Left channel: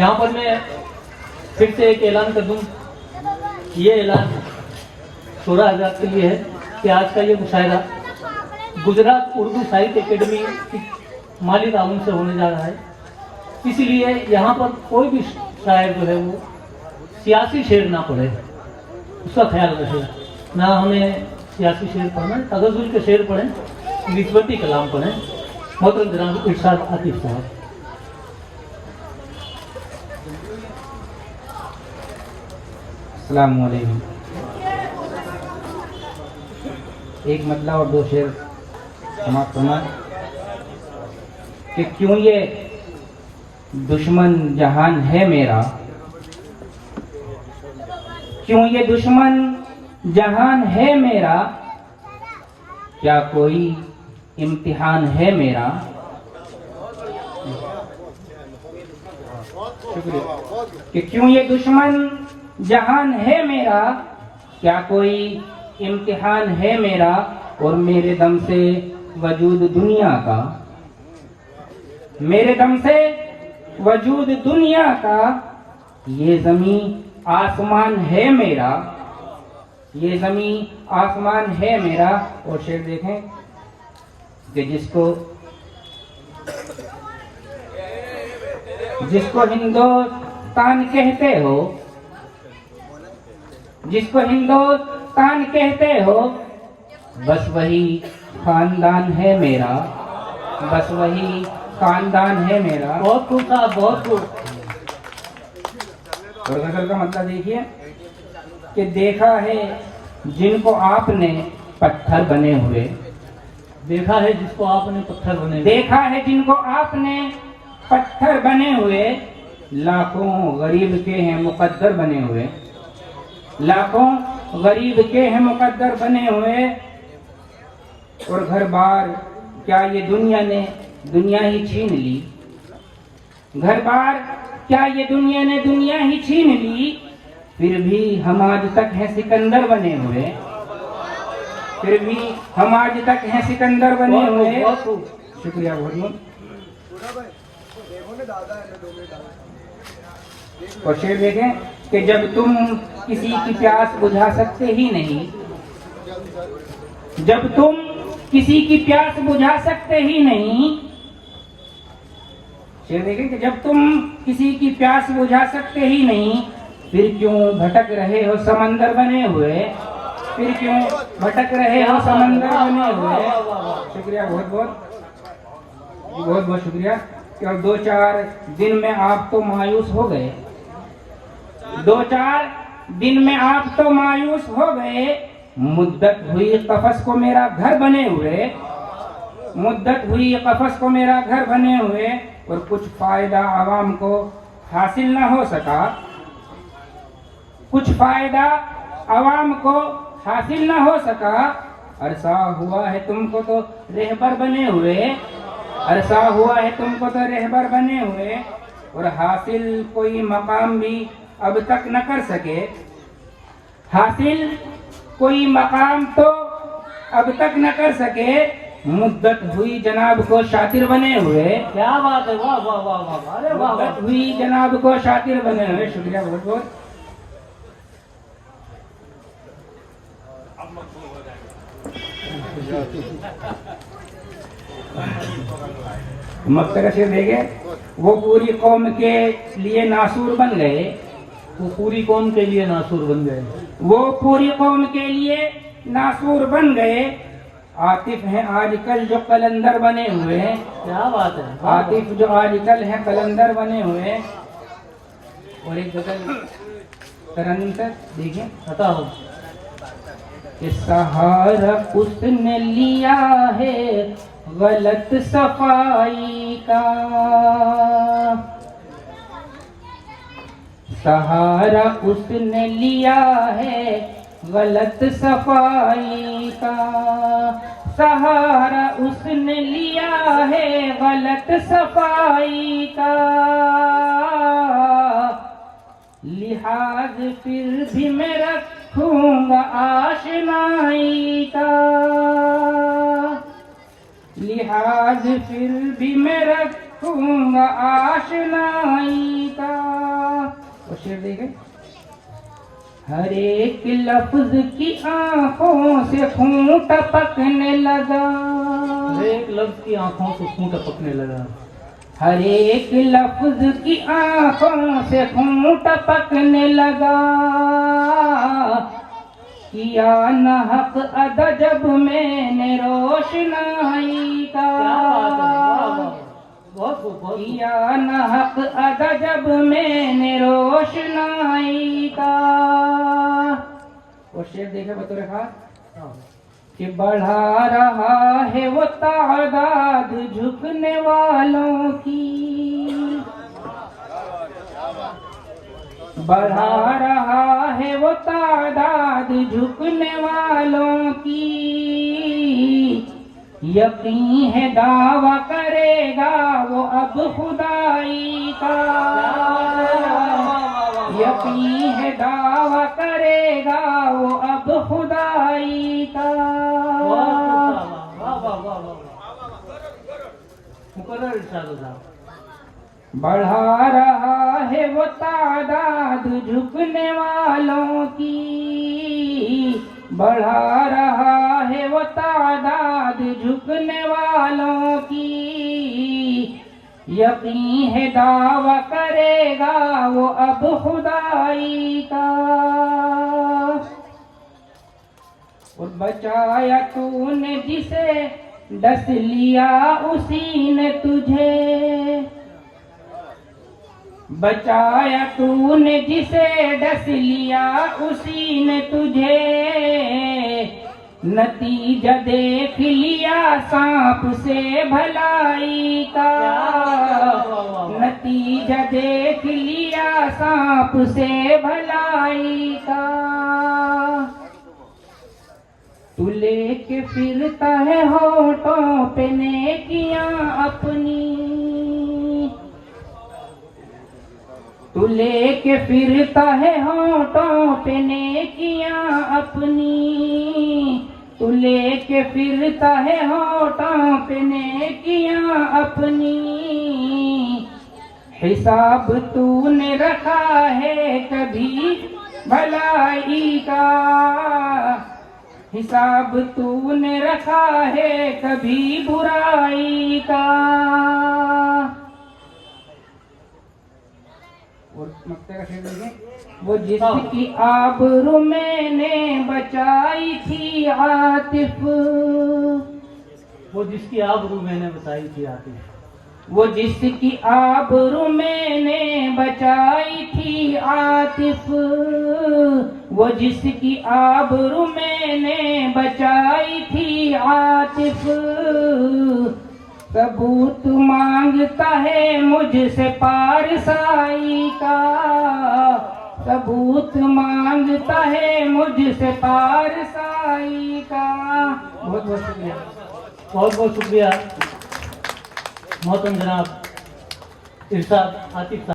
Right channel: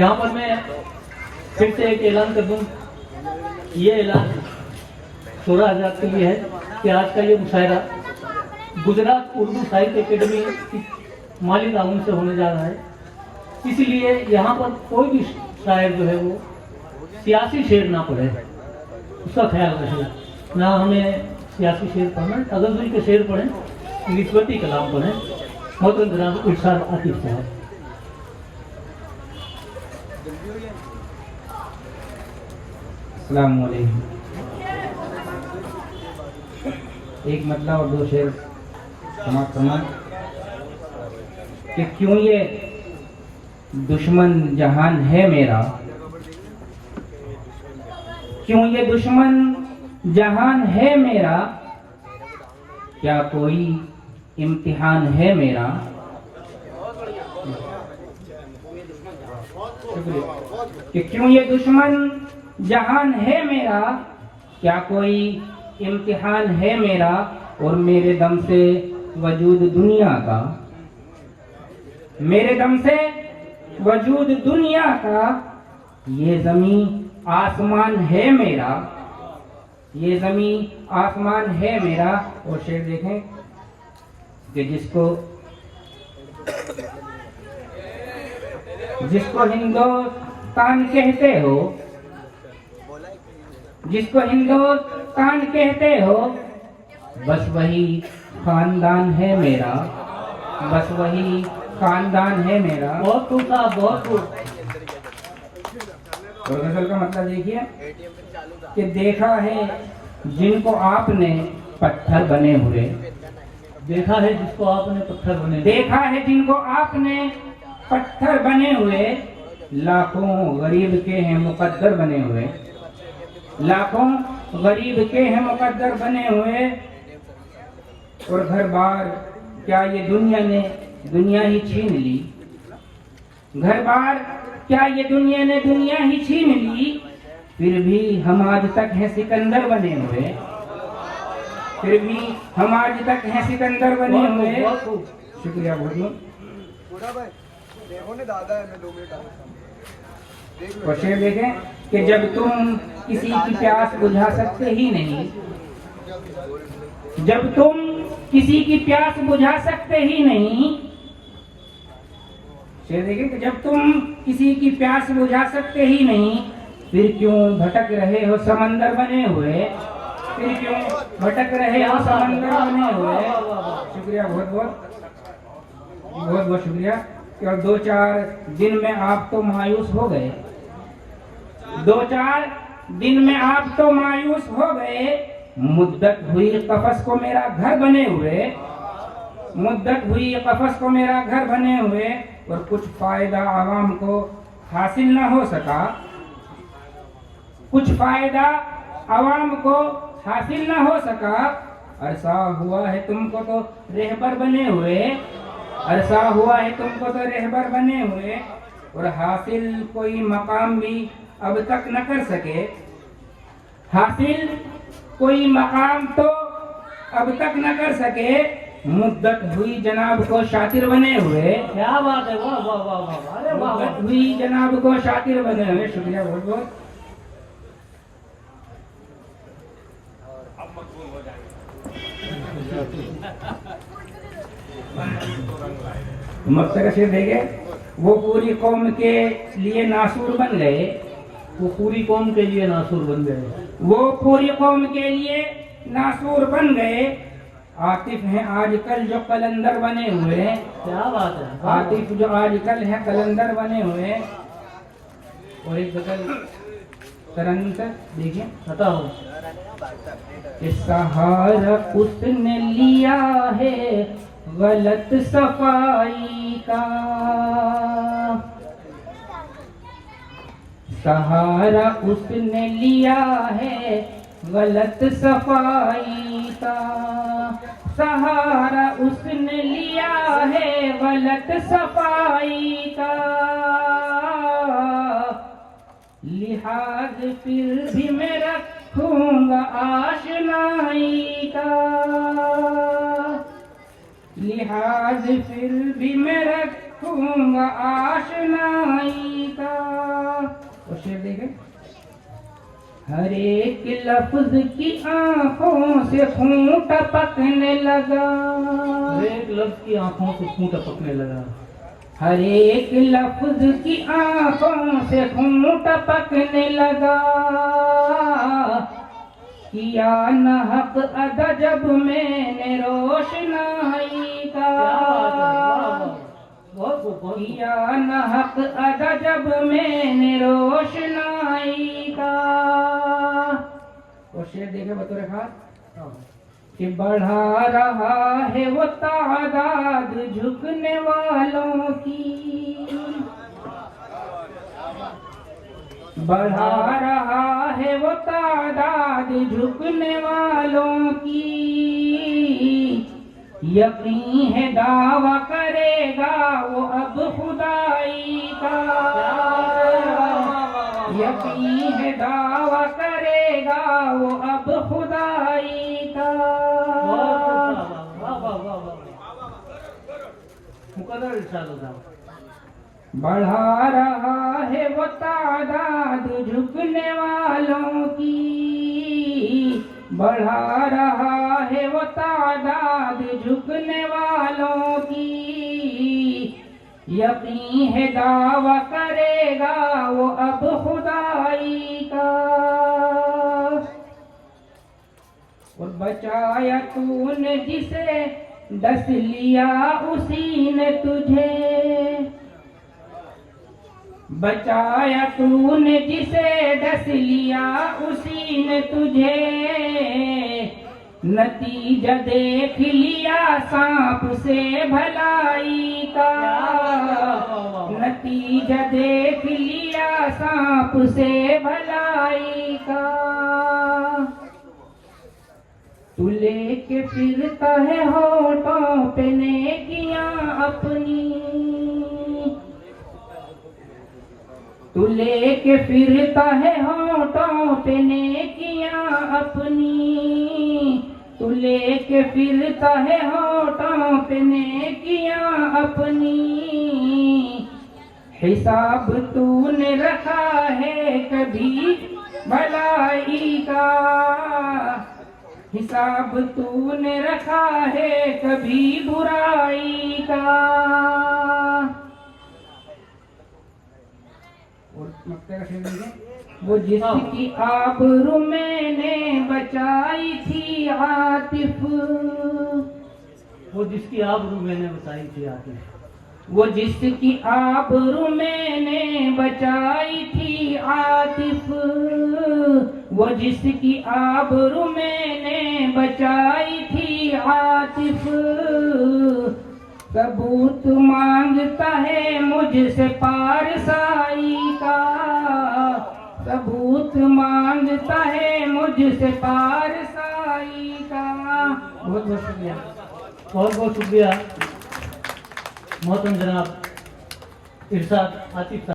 यहाँ पर मैं फिर से एक ऐलान कर दूं। ये ऐलान 16,000 के लिए है कि आज का ये मुशायरा गुजरात उर्दू साहित्य अकेडमी की माली ताउन से होने जा रहा है। इसलिए यहाँ पर कोई भी शायर जो है वो सियासी शेर ना पढ़े, उसका ख्याल रखें। ना हमें सियासी शेर पढ़ना, तगज़ुल के शेर पढ़ें, निस्बती कलाम पढ़ें। मोहतरम जनाब इरशाद आतिफ साहब। अस्सलाम वालेकुम। एक मतलब और दो शेर समाप्त होना कि क्यों ये दुश्मन जहान है मेरा, क्यों ये दुश्मन जहान है मेरा, क्या कोई इम्तिहान है मेरा। कि क्यों ये दुश्मन जहान है मेरा, क्या कोई इम्तिहान है मेरा, और मेरे दम से वजूद दुनिया का, मेरे दम से वजूद दुनिया का, ये ज़मीन आसमान है मेरा, ये ज़मीन आसमान है मेरा। और शेर देखें कि जिसको हिंदुस्तान कहते हो, जिसको हिंदुस्तान कहते हो, बस वही खानदान है मेरा, बस वही खानदान है मेरा। बहुत खूब साहब, बहुत खूब। और गजल का मतलब देखिए कि देखा है जिनको आपने पत्थर बने हुए, देखा है जिसको आपने पत्थर बने, देखा है जिनको आपने पत्थर बने हुए, लाखों गरीब के हैं मुकद्दर बने हुए, लाखों गरीब के हैं मुकद्दर बने हुए। और घर बार क्या ये दुनिया ही छीन ली, घर बार क्या ये दुनिया ही छीन ली, फिर भी हम आज तक हैं सिकंदर बने हुए, फिर भी हम आज तक हैं सिकंदर बने हुए। शुक्रिया बहुत। और शेर देखें कि जब तुम किसी की प्यास बुझा सकते ही नहीं, जब तुम किसी की प्यास बुझा सकते ही नहीं, शेर देखें कि जब तुम किसी की प्यास बुझा सकते ही नहीं, फिर क्यों भटक रहे हो समंदर बने हुए, फिर क्यों भटक रहे हो समंदर बने हुए। शुक्रिया बहुत बहुत शुक्रिया। और 2-4 दिन में आप तो मायूस हो गए, 2-4 दिन में आप तो मायूस हो गए, मुद्दत हुई कफस को मेरा घर बने हुए, मुद्दत हुई कफस को मेरा घर बने हुए, और कुछ फायदा आवाम को हासिल ना हो सका, कुछ फायदा आवाम को हासिल ना हो सका। अरसा हुआ है तुमको तो रहबर बने हुए, अरसा हुआ है तुमको तो रहबर बने हुए, और हासिल कोई मकाम भी अब तक न कर सके, हासिल कोई मकाम तो अब तक न कर सके, मुद्दत हुई जनाब को शातिर बने हुए। क्या बात है, वाह वाह वाह वाह, अरे वाह, मुद्दत हुई जनाब को शातिर बने हुए। शुक्रिया बहुत बहुत। मकसद से देखे वो पूरी कौम के लिए नासूर बन गए, वो पूरी कौम के लिए नासूर बन गए, वो पूरी कौम के लिए नासूर बन गए। आतिफ हैं आजकल जो कलंदर बने हुए हैं, क्या बात है, आतिफ जो आजकल हैं कलंदर बने हुए। और एक गजल तरन्नुम सर देखिए, पता हो कि सहारा उसने लिया है गलत सफाई का, सहारा उसने लिया है गलत सफाई का, सहारा उसने लिया है गलत सफाई का, लिहाज फिर भी मैं रखूंगा आशनाई का, लिहाज फिर भी मैं रखूंगा आशनाई का। और शेर देखे, हर एक लफ्ज की आंखों से खून टपकने लगा, हर एक लफ्ज की आंखों से खून टपकने लगा, हर एक लफ्ज की आंखों से खून टपकने लगा, किया न हक अदा जब मैंने रोशनाई का, बहुत खूब। किया न हक अदा जब मैंने रोशनाई का। और शेर देखे बतौर खास कि बढ़ा रहा है वो तादाद झुकने वालों की, बढ़ा रहा है वो तादाद झुकने वालों की, यकीन है दावा करेगा वो अब खुदाई का, यकीन है दावा करेगा वो अब खुदाई का। मुकर्रर इरशाद था। बढ़ा रहा है वो तादाद झुकने वालों की, बढ़ा रहा है वो तादाद झुकने वालों की, यकीन है दावा करेगा वो अब खुदाई का। और बचाया तूने जिसे डस लिया उसी ने तुझे, बचाया तूने जिसे डस लिया उसी ने तुझे, नतीजा देख लिया सांप से भलाई का, नतीजा देख लिया सांप से भलाई का। तू लेके फिरता है होठों पे नेकियां अपनी, तू लेके फिरता है होठों पे नेकियां अपनी, तू लेके फिरता है होठों पे नेकियां अपनी, हिसाब तूने रखा है कभी भलाई का, हिसाब तूने रखा है कभी बुराई का। और मक्ते का शेर देखें, वो जिसकी आबरू मैंने बचाई थी आतिफ, वो जिसकी आबरू मैंने बताई थी आतिफ, वो जिसकी आबरू मैंने बचाई थी आतिफ, वो जिसकी आबरू मैंने बचाई थी आतिफ, सबूत मांगता है मुझसे पारसाई का, सबूत मांगता है मुझसे पारसाई का। बहुत बहुत शुक्रिया, बहुत बहुत शुक्रिया मोहतरम जनाब इरशाद आतिफ साहब।